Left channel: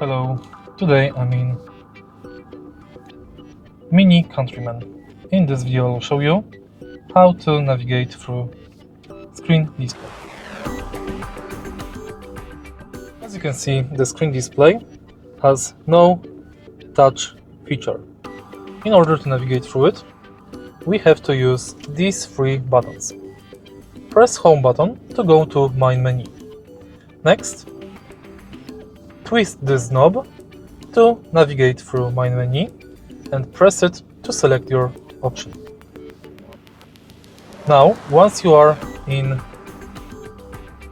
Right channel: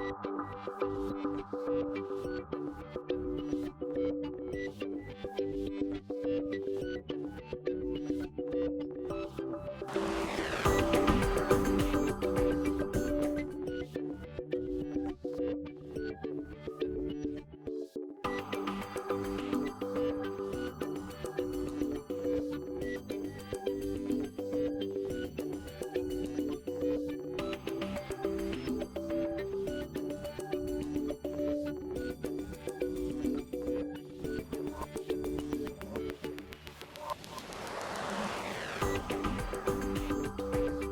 Hello, today I'm in MINI Countryman. In this video I'll show you how to navigate through screen display. As you can see, the screen display has no touch feature. In order to navigate through it, we have to use these three buttons. Press Home button to go to Main menu. Next, twist this knob to navigate through Main menu and press it to select your option. Now, once you are in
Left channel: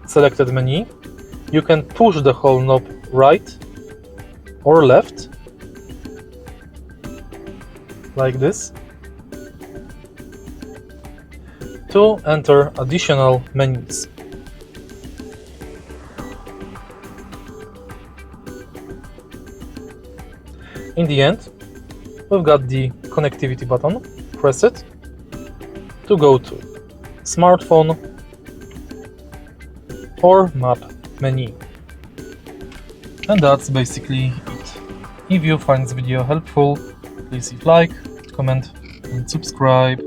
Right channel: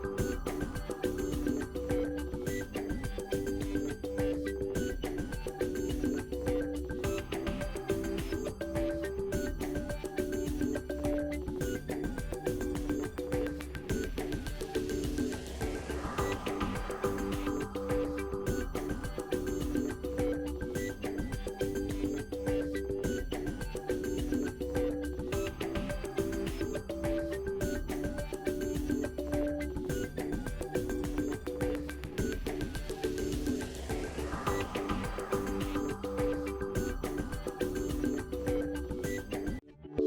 selected menu, you can push the whole knob right or left, like this, to enter additional menus. In the end, we've got the connectivity button. Press it to go to smartphone or map menu. And that's basically it. If you find this video helpful, please leave like, comment and subscribe.